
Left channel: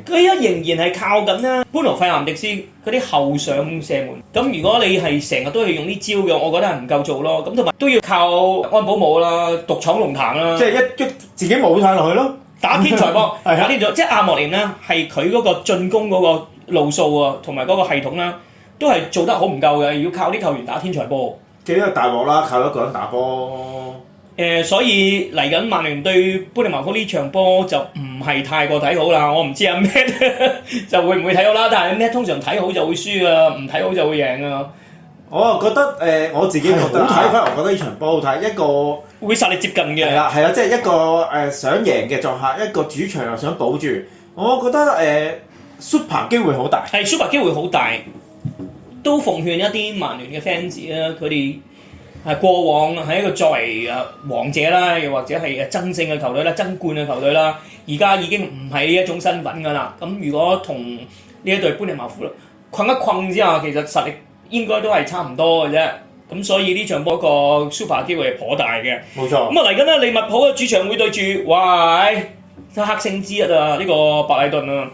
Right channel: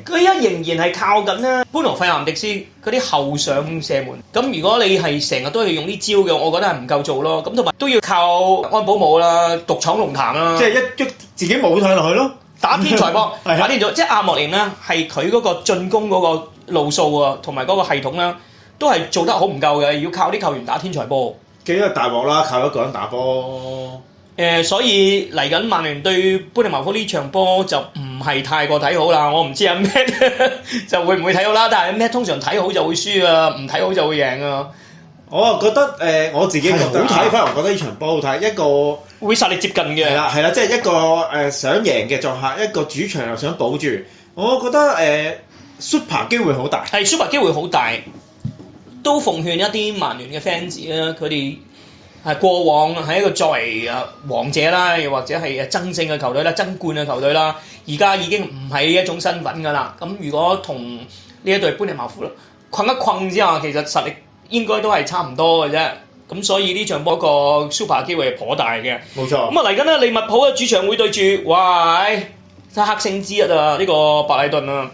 真係。佢而家仍然係靠緊咧，般奴費南迪斯嗰啲後上射門。咁如果你係成日都係用呢招嘅，我覺得係唔夠做咯。咁同埋都要靠安保姆啦，獨闖龍潭啦。即係一自己冇晒落去咯。打天才波，係打天才，即係阿莫連咧，係佢嗰個進攻嗰個路數啊，同埋嗰個系統啦，都係做得好唔夠嘅，要靠啲球員打天才波。幾個大鑊啦，靠一個人打波。所以嚟緊曼聯對般尼茅夫呢場波就唔係太過睇好啦。我唔知阿 Matt 就會唔會睇好啦，但係 Matt 通常睇好就會輸啊，唔睇好就會贏啊。我啊覺得我自己覺得好睇，反而我覺得呢場波好睇，一個會實力接近嘅。係啦，即係一個想贏嘅作客，一個主場又想保住。我覺得Super 機會好大。係 Super 機會好大，都奉勸一啲曼聯嘅 fans 啦，佢哋係過往係一個作為王者啦，又或者係爭勝嘅球隊啦、爭冠嘅球隊啦，而家已經唔係呢一種身份㗎啦。咁如果同呢一隊般尼茅夫困一困之下，其實實力應該都係差唔多嘅啫。咁所以呢場波個 Super 機會係頗大嘅。冇錯。咁啊嚟緊咧，利物浦嘅主場會對住黑星之一啊，呢個白禮頓啊。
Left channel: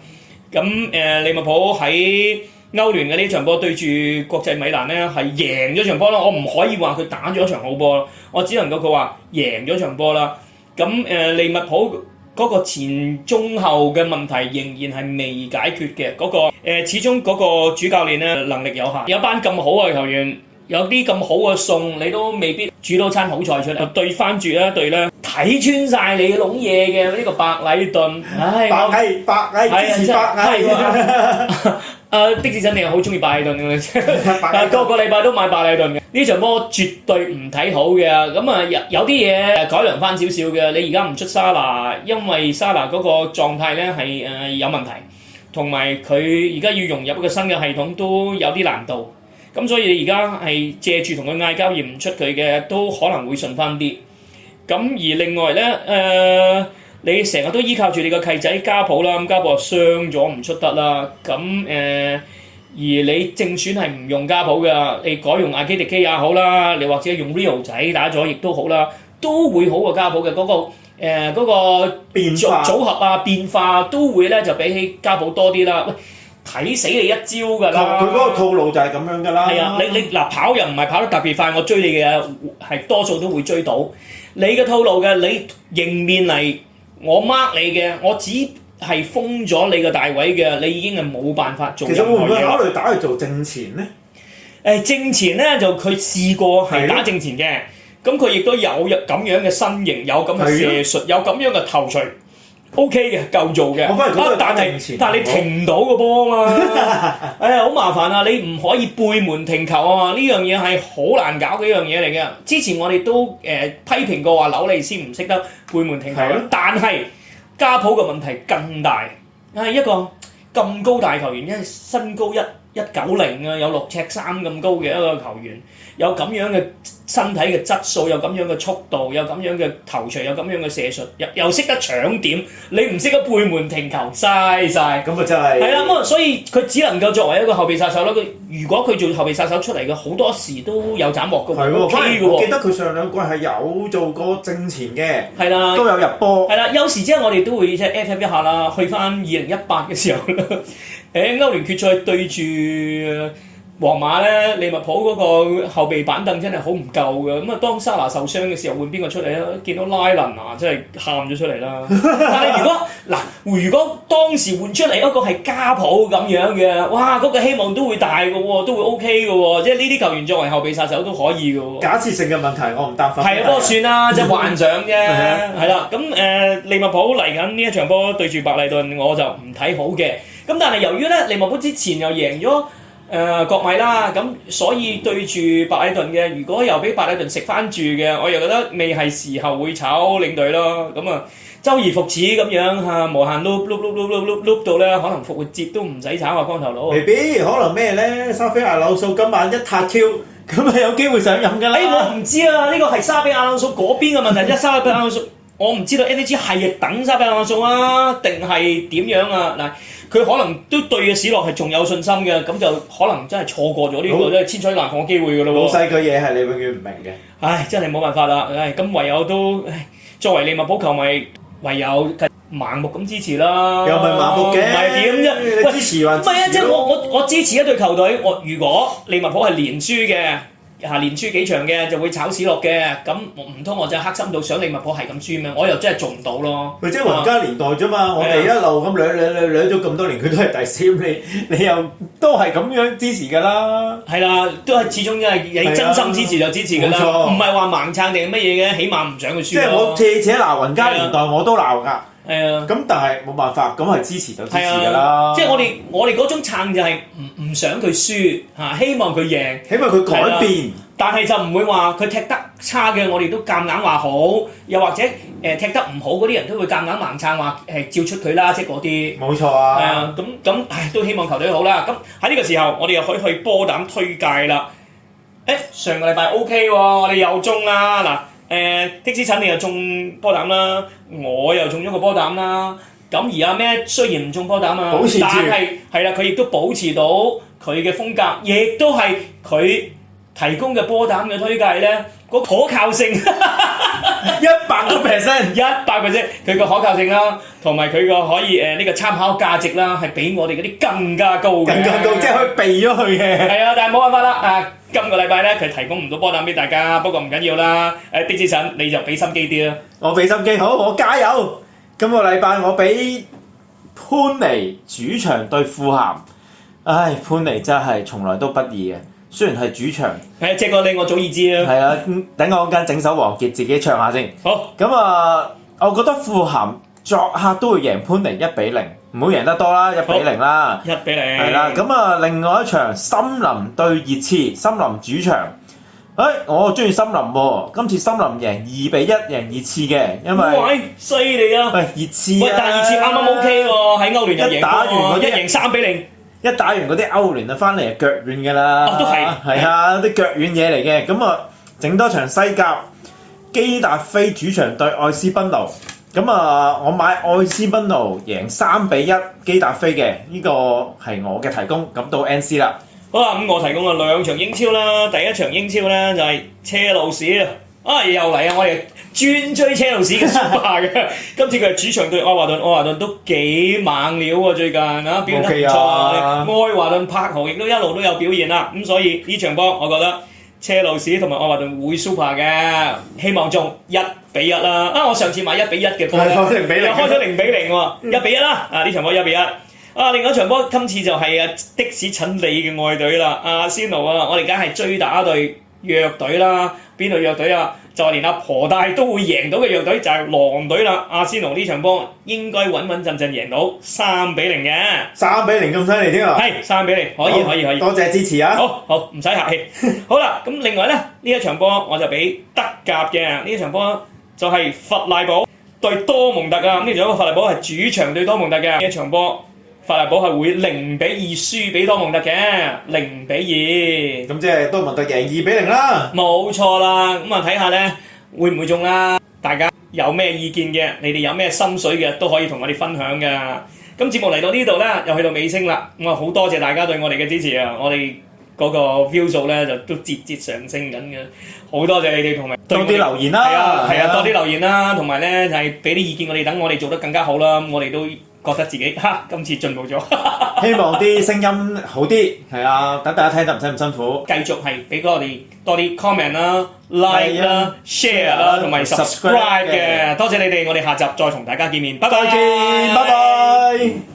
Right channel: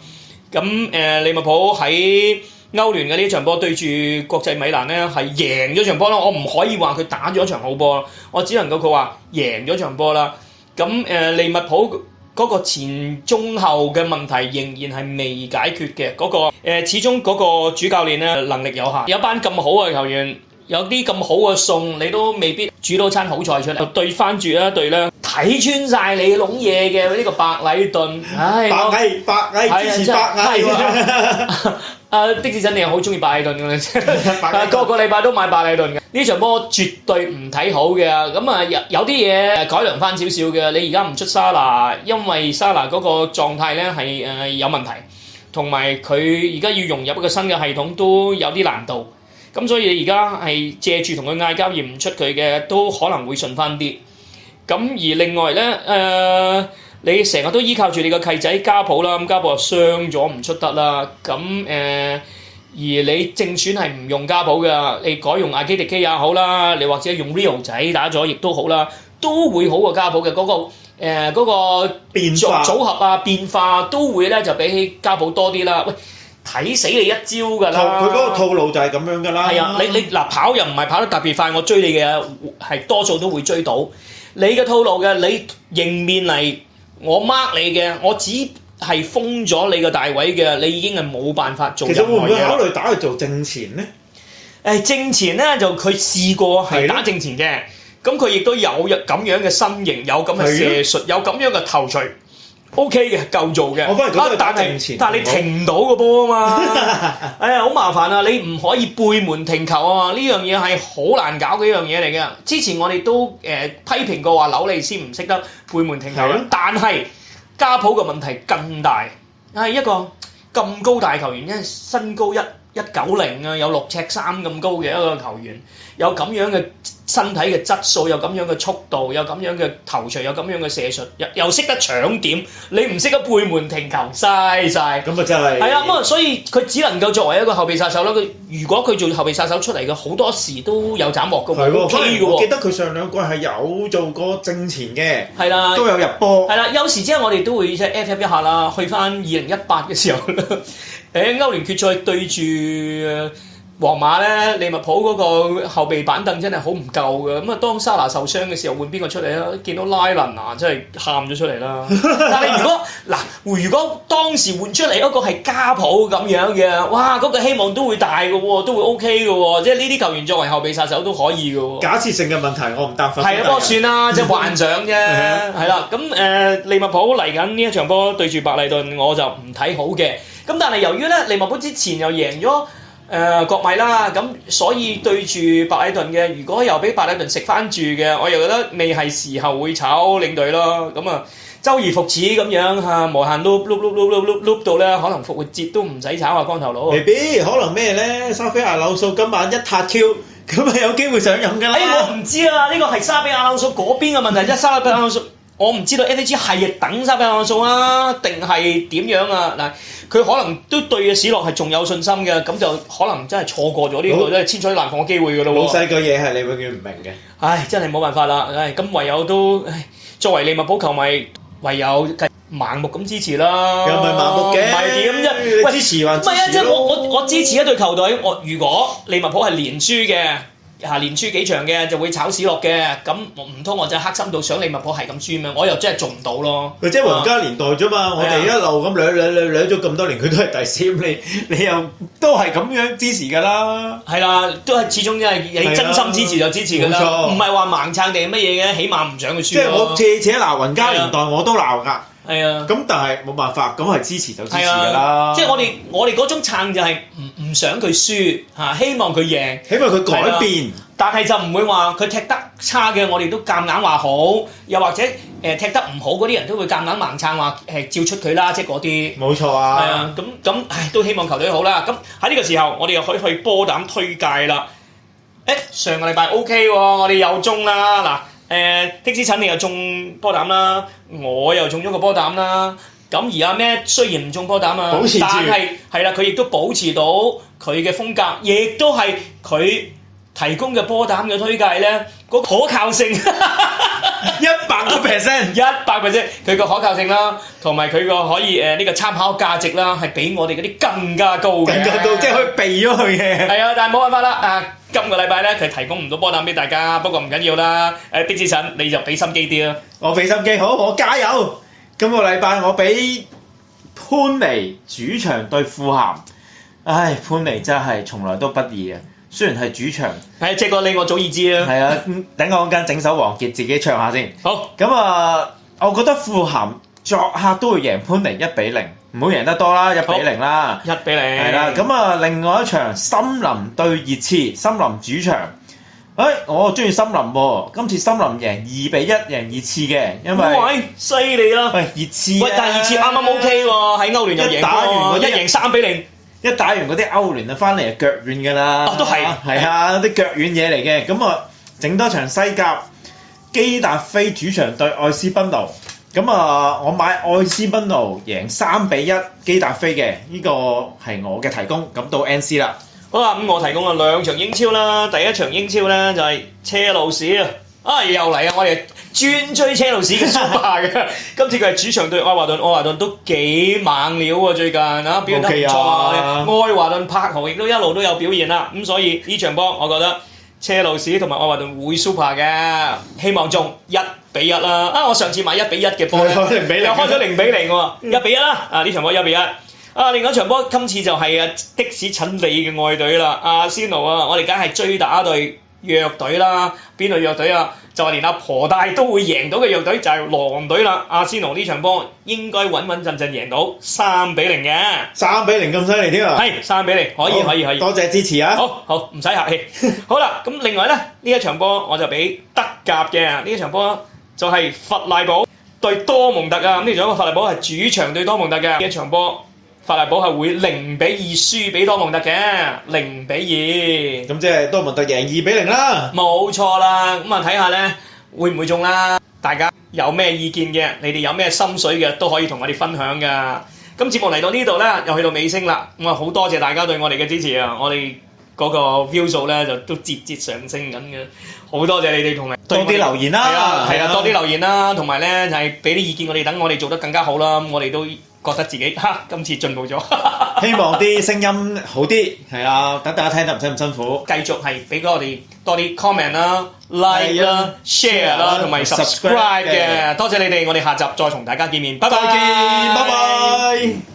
咁利物浦喺歐聯嘅呢場波對住國際米蘭咧係贏咗場波啦，我唔可以話佢打咗場好波，我只能夠佢話贏咗場波啦。咁利物浦嗰個前中後嘅問題仍然係未解決嘅，嗰個始終嗰個主教練咧能力有限，有一班咁好嘅球員，有啲咁好嘅餸，你都未必煮到餐好菜出嚟。對翻住一隊咧睇穿晒你籠嘢嘅呢個白禮頓，白蟻支持白蟻。的士真係好中意白禮頓嘅，個個禮拜都買白禮頓嘅。呢場波絕對唔睇好嘅，咁啊有啲嘢改良翻少少嘅。你而家唔出沙拿，因為沙拿嗰個狀態咧係有問題，同埋佢而家要融入一個新嘅系統都有啲難度。咁所以你而家係借住同佢嗌交而唔出佢嘅，都可能會順翻啲。咁而另外咧你成日都依靠住你個契仔加普啦，咁加普又傷咗唔出得啦，咁而你正選係唔用加普嘅，你改用阿基迪基也好啦，你或者用 Rio 仔打咗亦都好啦，都會好過加普嘅嗰個變化組合啊變化都會咧就比起加普多啲啦。喂，睇死你一招㗎啦！佢嗰個套路就係咁樣㗎啦。係啊，你嗱跑又唔係跑得特別快，我追你嘅係多數都會追到。你嘅套路嘅，你迎面嚟。我 mark 你嘅，我只係封咗你個大位嘅，你已經係冇辦法做任何嘢。其實會唔會考慮打去做正前咧？正前咧就佢試過係打正前嘅，咁佢亦都有咁樣嘅身形，有咁嘅射術，有咁樣嘅頭槌 ，OK 嘅，夠做嘅。我反而覺得打正前，但係你停唔到個波啊嘛！好麻煩啊！你唔可以背門停球啊！呢樣嘢係好難搞嘅一樣嘢嚟嘅。之前我哋都批評過話紐利斯唔識得背門停球，但係加普嘅問題更大。係一個咁高大球員，因為身高190啊，有6尺3咁高嘅一個球員，有咁樣嘅身體嘅質素，有咁樣嘅速度，有咁樣嘅頭槌，有咁樣嘅射術，又識得搶點，你唔識得背門停球，嘥晒。咁啊真係。係啦，咁啊，所以佢只能夠作為一個後備殺手啦。如果佢做後備殺手出嚟嘅，好多時都有斬獲嘅喎。係喎，我記得佢上兩季係有做過正前嘅。係啦。都有入波。係啦，有時即係我哋都會即係 FF 一下啦，去翻2018嘅時候歐聯決賽對住皇馬咧，利物浦嗰個後備板凳真係好唔夠嘅。咁啊，當沙拿受傷嘅時候，換邊個出嚟咧？見到拉倫啊，真係喊咗出嚟啦。但係如果當時換出嚟嗰個係加普咁樣嘅，哇！嗰個希望都會大嘅喎，都會 OK 嘅喎。即係呢啲球員作為後備殺手都可以嘅喎。假設性嘅問題，我唔擔心。係啊，不過算啦，即係幻想啫。係啦，咁利物浦嚟緊呢一場波對住白禮頓，我就唔睇好嘅。咁但係由於咧利物浦之前又贏咗國米啦，咁所以對住白禮頓嘅，如果又俾白禮頓食翻住嘅，我又覺得未係時候會炒領隊咯。咁啊，周而復始咁樣嚇，無限碌到咧，可能復活節都唔使炒啊光頭佬。未必，可能咩咧？沙菲亞柳素今晚一撻 Q，咁係有機會上任㗎啦。我唔知啊，呢個係沙比亞朗素嗰邊嘅問題啫。沙比亞朗素，我唔知道 FAG 係等沙比亞朗素啊，定係點樣啊？嗱，佢可能都對嘅史諾係仲有信心嘅，咁就可能真係錯過咗呢個真係千載難逢嘅機會㗎咯喎。老細嘅嘢係你永遠唔明嘅。唉，真係冇辦法啦！唉，咁唯有都作為利物浦球迷，唯有盲目咁支持啦。又唔係盲目嘅，唔係點啫？喂，支持還唔係啊！即係我支持一隊球隊，如果利物浦係連輸嘅。連輸幾場嘅就會炒史諾嘅，咁唔通我就黑心到想利物浦係咁輸咩？我又真係做唔到咯。即係皇家年代啫嘛，我哋一路咁兩咗咁多年，佢都係第三，你又都係咁樣支持㗎啦。係啦，都係始終因為你真心支持就支持㗎啦，唔係話盲撐定乜嘢嘅，起碼唔想佢輸。即係我且鬧皇家年代我都鬧㗎。係啊，咁但係冇辦法，咁係支持就支持㗎啦。即係我哋嗰種撐就係唔想佢輸嚇，希望佢贏，希望佢改變。但係就唔會話佢踢得差嘅，我哋都夾硬話好，又或者踢得唔好嗰啲人都會夾硬盲撐話照出佢啦，即係嗰啲。冇錯啊。咁都希望球隊好啦。咁喺呢個時候，我哋又可以去波膽推介啦。上個禮拜 OK 喎，我哋又中啦嗱。的士陳你又中波膽啦，我又中咗個波膽啦。咁而阿咩雖然唔中波膽啊，但係係啦，佢亦都保持到佢嘅風格，亦都係佢提供嘅波膽嘅推介咧，個可靠性100%，佢個可靠性啦，同埋佢個可以呢個參考價值啦，係比我哋嗰啲更加高嘅，更加高，即係可以避咗佢嘅。係啊，但係冇辦法啦，今個禮拜咧佢提供唔到波膽俾大家，不過唔緊要啦。的士陳你就俾心機啲啦，我俾心機，好，我加油。今個禮拜我俾潘尼主場對富咸，唉，潘尼真係從來都不易嘅。雖然係主場，係借過你我早已知啦。係啊，等我間整首王傑自己唱下先。好。咁我覺得富咸作客都會贏潘尼1-0，唔好贏得多啦，1-0啦。1-0。係啦，咁另外一場森林對熱刺，森林主場。我中意森林喎，今次森林贏2-1贏熱刺嘅，因為犀利啊！熱刺但係熱刺啱啱 OK 喎，喺歐聯又贏過，一贏3-0。一打完嗰啲歐聯就翻嚟腳軟㗎啦，都係啲腳軟嘢嚟嘅。咁整多場西甲，基達菲主場對愛斯賓奴。咁我買愛斯賓奴贏3-1基達菲嘅，呢個係我嘅提供。咁到 NC 啦。好啦，咁我提供咗2場英超啦。第一場英超咧就係車路士啊，又嚟啊！我哋專追車路士嘅 Super 嘅，今次佢係主場對愛華頓，愛華頓都幾猛料喎，最近表現得唔錯。愛華頓柏豪亦都一路都有表現啦，咁所以呢場波我覺得車路士同埋愛華頓會 Super 嘅，希望中1-1啦。我上次買1-1嘅波，開咗0-0喎，1-1啦。呢場波1-1。另外一場波今次就係的士陳李嘅愛隊啦，阿仙奴啊，我哋梗係追打隊弱隊啦，邊隊弱隊啊？就係連阿婆大都會贏到嘅弱隊就係狼隊啦。阿仙奴呢場波應該穩穩陣陣贏到3-0嘅，3-0咁犀利添啊！係3-0，可以，多謝支持啊！好，唔使客氣。好啦，咁另外咧呢一場波我就俾德甲嘅呢一場波就係弗賴堡對多蒙特啊！咁呢場弗賴堡係主場對多蒙特嘅呢一場波。弗賴堡係會0-2輸俾多蒙特嘅，0-2。咁即係多蒙特贏2-0啦。冇錯啦，咁睇下咧會唔會中啦？大家有咩意見嘅，你哋有咩心水嘅都可以同我哋分享㗎。咁節目嚟到呢度咧，又去到尾聲啦。咁好多謝大家對我哋嘅支持啊！我哋嗰個 view 數咧就都節節上升緊嘅，好多謝你哋同埋多啲留言啦，係啊，多啲留言啦，同埋咧就係俾啲意見我哋，等我哋做得更加好啦。我哋都覺得自己今次進步咗，希望啲聲音好啲，係啊，等大家聽得唔使咁辛苦。繼續係俾我哋多啲 comment 啦、like 啦、share 啦，同埋 subscribe 嘅。多謝你哋，我哋下集再同大家見面，拜拜。再見，拜拜。